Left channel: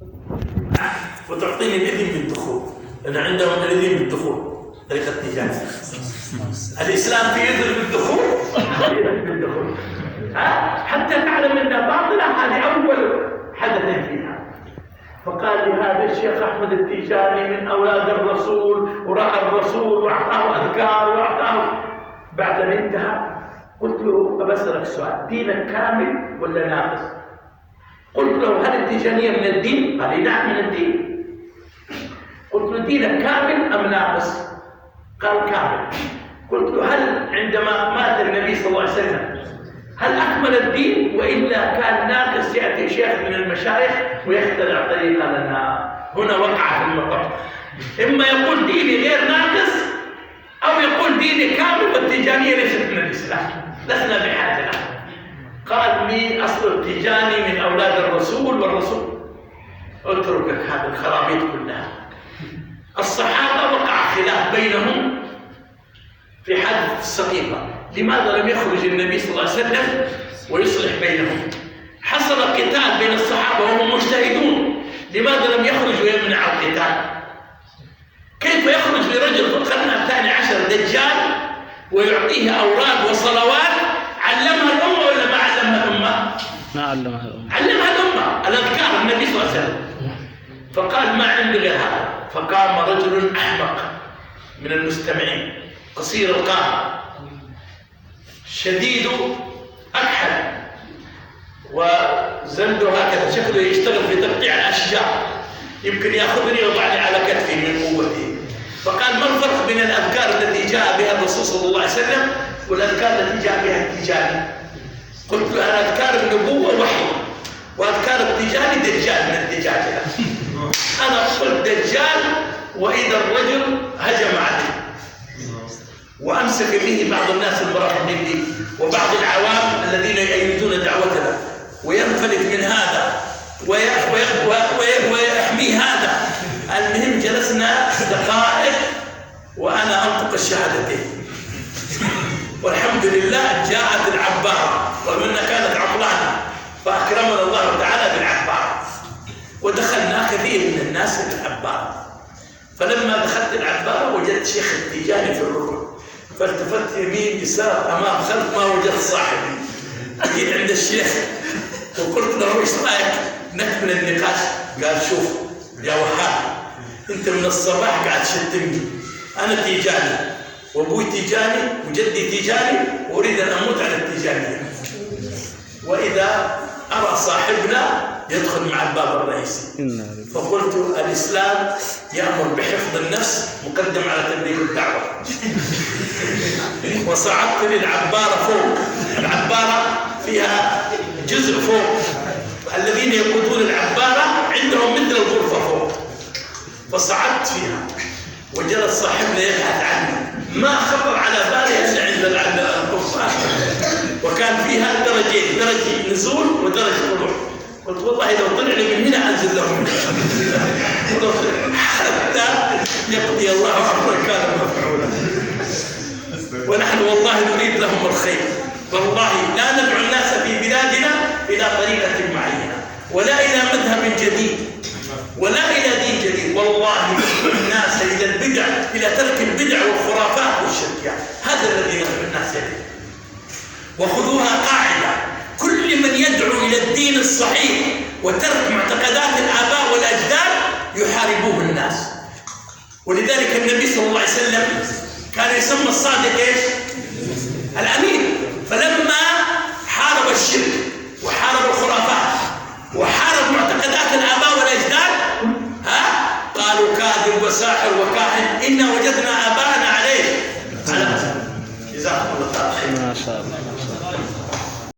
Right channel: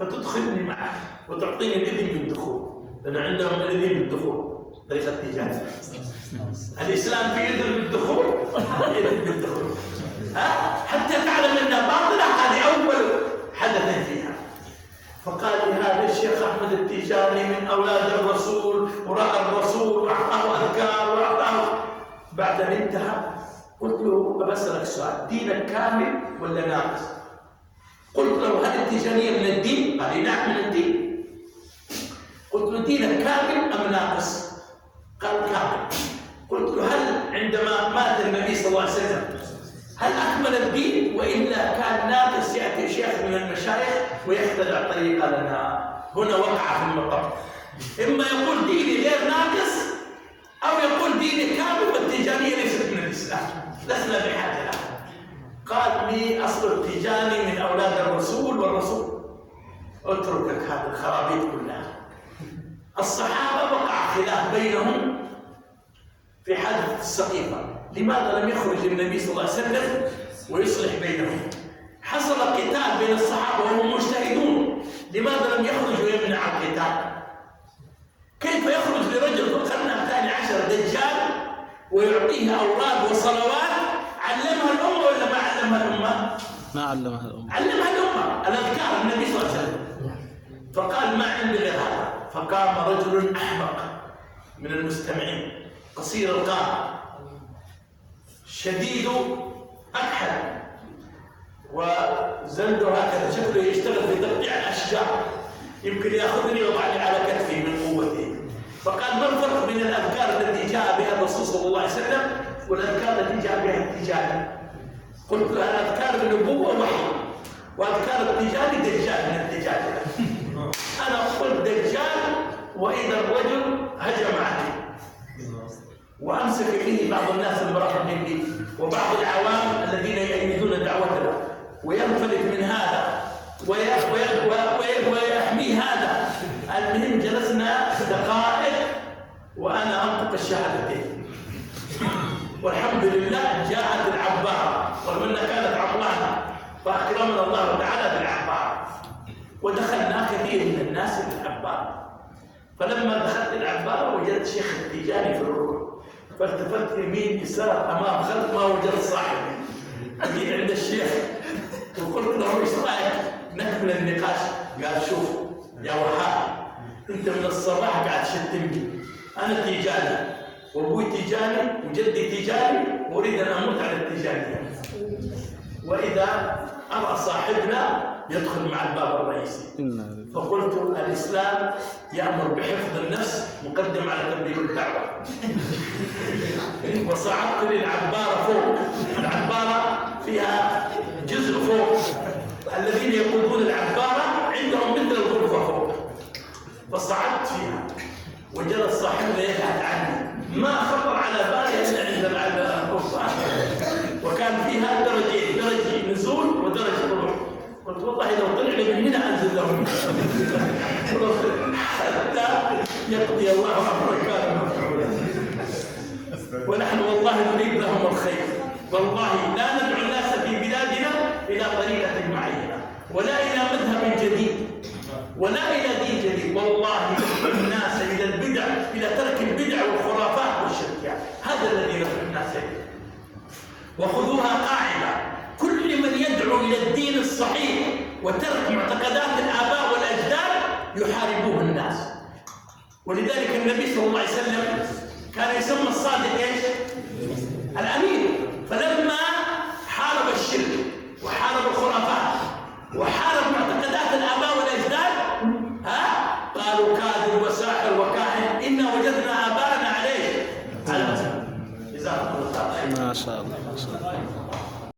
فتدخلني معك وتعطيني الإذن بالدخول. أنا عندهم الإذن بالدخول طريقة التجارة. الإسلام في إذن بالدخول، إذن بالدخول. حتى تعلم أنها باطلة، هذه أول حدث فيها. فقال لي هذا الشيخ أحمد التيجاني من أولاد الرسول ورأى الرسول وأعطاه أذكار وأعطاه. بعد أن انتهى قلت له بسألك سؤال، دينك كامل ولا ناقص؟ قلت له هل التيجانية من الدين؟ قال لي نعم من الدين. قلت له دينك كامل أم ناقص؟ قال كامل. قلت له هل عندما مات النبي صلى الله عليه وسلم هل أكمل الدين وإلا كان ناقص؟ يأتي شيخ من المشايخ ويخترع طريقة لنا. هنا وقع في المطب، إما يقول ديني غير ناقص أو يقول ديني كامل والتيجانية ليست من الإسلام، لسنا بحاجة له. قال لي أصل التيجاني من أولاد الرسول والرسول. اتركك هذه الخرابيط كلها. الصحابة وقع خلاف بينهم في حادثة السقيفة، لماذا لم يخرج النبي صلى الله عليه وسلم ويصلح بينهم؟ حصل قتال بين الصحابة وهم مجتهدون، لماذا لم يخرج ويمنع القتال؟ كيف يخرج لرجل في القرن الثاني عشر دجال ويعطيه أوراق وصلوات علمها الأمة ولا ما علمها الأمة؟ ما علمها الأمة. علمها الأمة الأذكار النبي صلى الله عليه وسلم. فقال ما عندي غير هذا. فقام رجل أحمق من المستمعين قصير القامة شديد أكحل وزنده هكذا، شكله يشتغل في تقطيع الأشجار، يمكن يأخذني ويضعني على كتفي من قوته. فقال ما الفرق بين الأذكار التي جاء بها الرسول صلى الله عليه وسلم والأذكار التي جاء بها التيجاني؟ قلت له أنا أذكار النبوة وحي، وأذكار التيجاني دجال من الدجاجة. أنا قلت دجال وإذا الرجل هجم عليه وأمسك به بعض الناس المرافقين لي وبعض العوام الذين يؤيدون دعوتنا، وينفلت من هذا ويحمي هذا. المهم جلسنا دقائق وأنا أنطق الشهادتين، والحمد لله جاءت العبارة رغم أنها كانت عطلانة، فأكرمنا الله تعالى بالعبارة ودخلنا كثير من الناس إلى العبارة. فلما دخلت العبارة وجدت شيخ التيجاني في الركن، فالتفت يمين يسار أمام خلف ما وجدت صاحبي. جيت عند الشيخ وقلت له ايش رايك نكمل النقاش؟ قال شوف يا وهاب، انت من الصباح قاعد تشتمني، انا تيجاني وابوي تيجاني وجدي تيجاني واريد ان اموت على التيجانيه، واذا ارى صاحبنا يدخل مع الباب الرئيسي. فقلت الاسلام يامر بحفظ النفس مقدم على تبليغ الدعوه. وصعدت للعباره فوق، العباره فيها جزء فوق، الذين يقودون العباره عندهم مثل الغرفه فوق. فصعدت فيها وجلس صاحبنا يبحث عني، ما خطر على بالي الا عند القفصان، وكان فيها درجين، درجه نزول ودرجه طلوع. قلت والله لو طلع لي من هنا انزل لهم حتى يقضي الله امرا كان مفعولا. ونحن والله نريد لهم الخير، والله لا ندعو الناس في بلادنا الى طريقه معينه ولا الى مذهب جديد ولا الى دين جديد، والله ندعو الناس الى البدع، الى ترك البدع والخرافات والشركيات. هذا الذي ندعو الناس اليه. وخذوها قاعده، كل من يدعو الى الدين الصحيح وترك معتقدات الاباء والاجداد يحاربوه الناس. ولذلك النبي صلى الله عليه وسلم كان يسمى الصادق ايش؟ الامين. فلما حارب الشرك وحارب الخرافات وحارب معتقدات الاباء والاجداد قالوا كاذب وساحر وكاهن، انا وجدنا اباءنا عليه على جزاكم الله خير. ما شاء الله.